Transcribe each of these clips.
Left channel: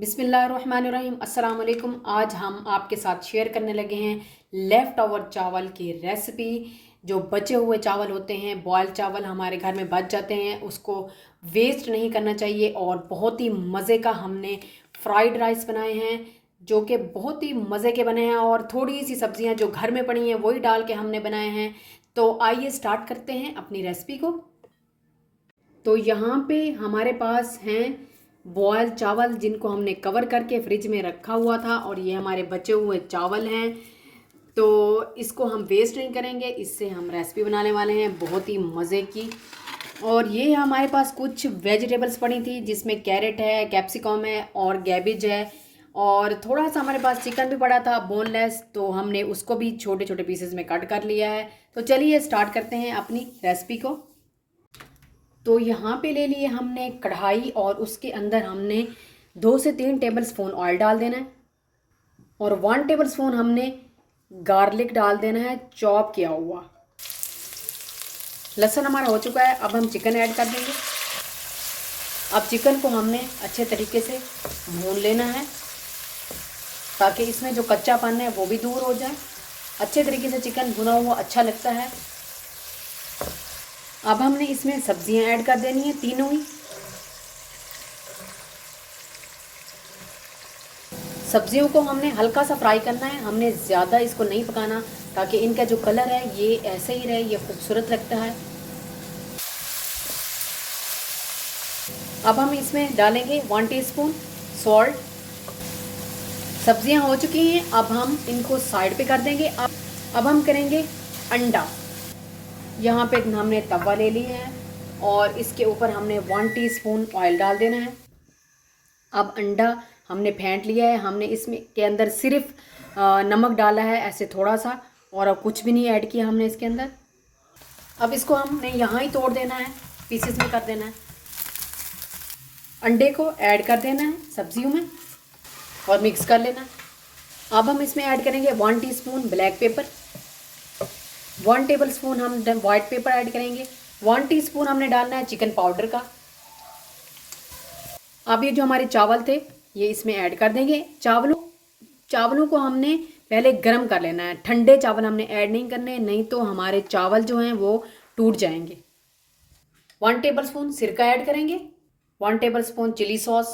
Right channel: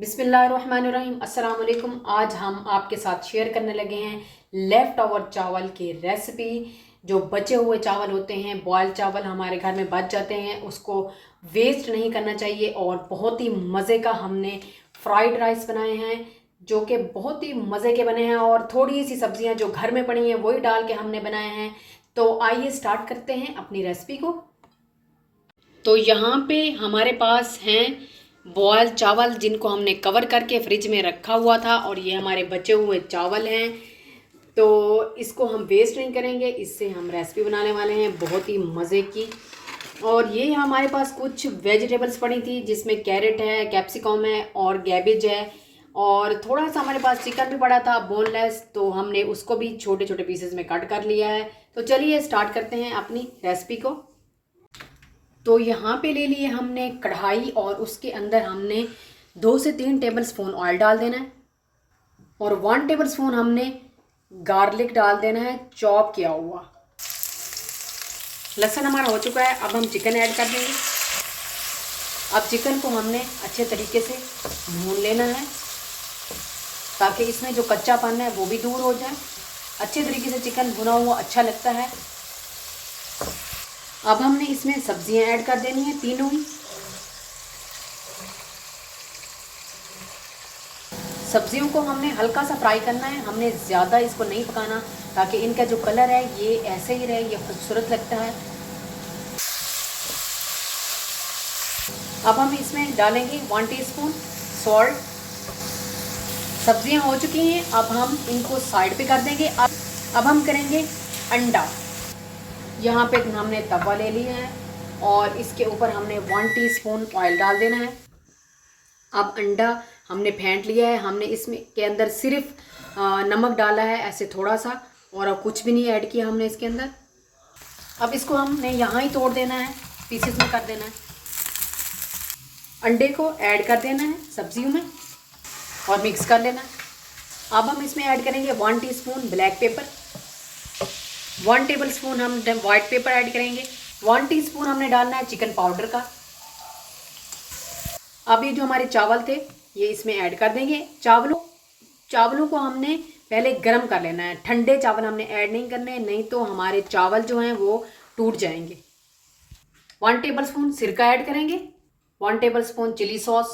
बिस्मिल्लाहिर्रहमानिर्रहीम अस्सलाम वालेकुम। आज हम आपके साथ शेयर करने लगे हैं लेफ़्ट ओवर चावल की रेसिपी। जो बचे हुए चावल होते हैं, बॉयल चावल हमारे घर में बच जाते हैं, उसको वेस्ट नहीं करना चाहिए। और बहुत ही मज़े का हमने फ्राइड राइस बनाए हैं जो कि बहुत ही मज़े के बने हैं। और थोड़ी सी सब्जियां जो घर में पड़ी हैं वही डाल के हमने बनाए हैं। तो आइए स्टार्ट करते हैं अपनी रेसिपी को। तो यहाँ पे हमारे पास हैं बॉयल चावल जिनको हमने कवर करके फ्रिज में रखा हुआ था, और ये हमारे बचे हुए चावल हैं। तो इसको हम वेस्ट नहीं करेंगे, इससे हम रेसिपी बनाने वाले हैं बहुत ही मज़े की। और ये हमारे पास कुछ वेजिटेबल्स पड़ी थी जिसमें कैरेट है, कैप्सिकम है और कैबेज है। और थोड़ा सा हमारे पास चिकन भी पड़ा था बोनलेस, तो हमने उसको भी छोटे छोटे पीसेस में कट कर लिया है। तो चलिए स्टार्ट करते हैं अपनी रेसिपी को। तो यहाँ पे ले लिए हमने कढ़ाई, और उसके अंदर हमने 2 से 3 टेबल स्पून ऑयल डाल देना है, और 1 टेबल स्पून हमने गार्लिक डाल देना है चॉप किया हुआ। लहसुन हमारा हो चुका है, अब हम चिकन ऐड कर देंगे। अब चिकन को हमने अच्छे तरीके से भून लेना है ताकि इसमें जो कच्चापन है वो भी दूर हो जाए। अच्छे तरीके से चिकन भुना हुआ अच्छा लगता है। अब हमने इसमें सब्जियां ऐड कर देनी है, तीनों ही। सब्जियों को हमने हल्का सा फ्राई करना है, हमने ज़्यादा इसको नहीं पकाना, ताकि इनका जो कलर है ये ऐसे ही रहे, ये खूबसूरत लगता है। अब हम इसमें डालेंगे 1 टीस्पून सॉल्ट। सब्जियां हो चुकी हैं, अब हम इनको साइड पे कर देंगे। अब हम करेंगे अंडा। यहाँ पे हमने तवा ले लिया है, और इसके ऊपर हमने 1 टीस्पून ऑयल डाल देना है। अब अंडा हमने फेंट लिया है, हमने इसमें के अंदर सिर्फ नमक डाला है ऐसे थोड़ा सा, और अब कुछ भी नहीं ऐड किया हमने इसके अंदर। अब इसको हमने यहाँ ही तोड़ देना है, पीसेस में कर देना है। अंडे को ऐड कर देना है सब्जियों में और मिक्स कर लेना। अब हम इसमें ऐड करेंगे 1 teaspoon black pepper, 1 table spoon हम वाइट पेपर ऐड करेंगे, 1 टीस्पून हमने डालना है चिकन पाउडर का। अब ये जो हमारे चावल थे ये इसमें ऐड कर देंगे। चावलों को हमने पहले गर्म कर लेना है, ठंडे चावल हमने ऐड नहीं करने, नहीं तो हमारे चावल जो हैं वो टूट जाएंगे। 1 टेबल स्पून सिरका ऐड करेंगे, 1 tablespoon chilli sauce,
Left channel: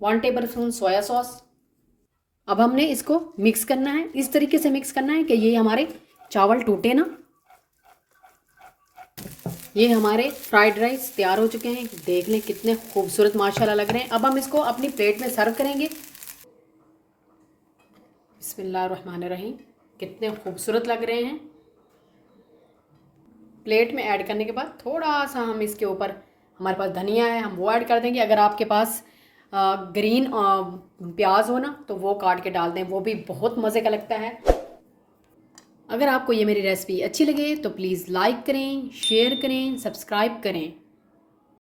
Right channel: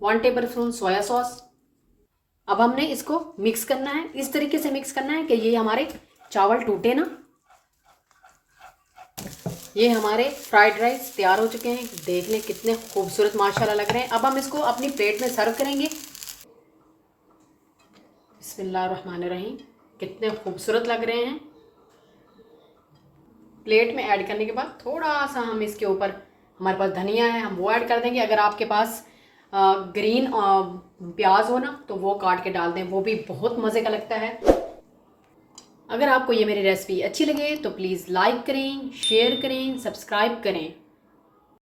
1 tablespoon soya sauce. अब हमने इसको मिक्स करना है, इस तरीके से मिक्स करना है कि ये हमारे चावल टूटे ना। ये हमारे फ्राइड राइस तैयार हो चुके हैं, देख लें कितने खूबसूरत माशाल्लाह लग रहे हैं। अब हम इसको अपनी प्लेट में सर्व करेंगे। बिस्मिल्लाहिर्रहमानिर्रहीम, कितने खूबसूरत लग रहे हैं। प्लेट में ऐड करने के बाद थोड़ा सा हम इसके ऊपर, हमारे पास धनिया है हम वो ऐड कर देंगे। अगर आपके पास ग्रीन प्याज हो ना तो वो काट के डाल दें, वो भी बहुत मज़े का लगता है। अगर आपको ये मेरी रेसिपी अच्छी लगे तो प्लीज़ लाइक करें, शेयर करें, सब्सक्राइब करें।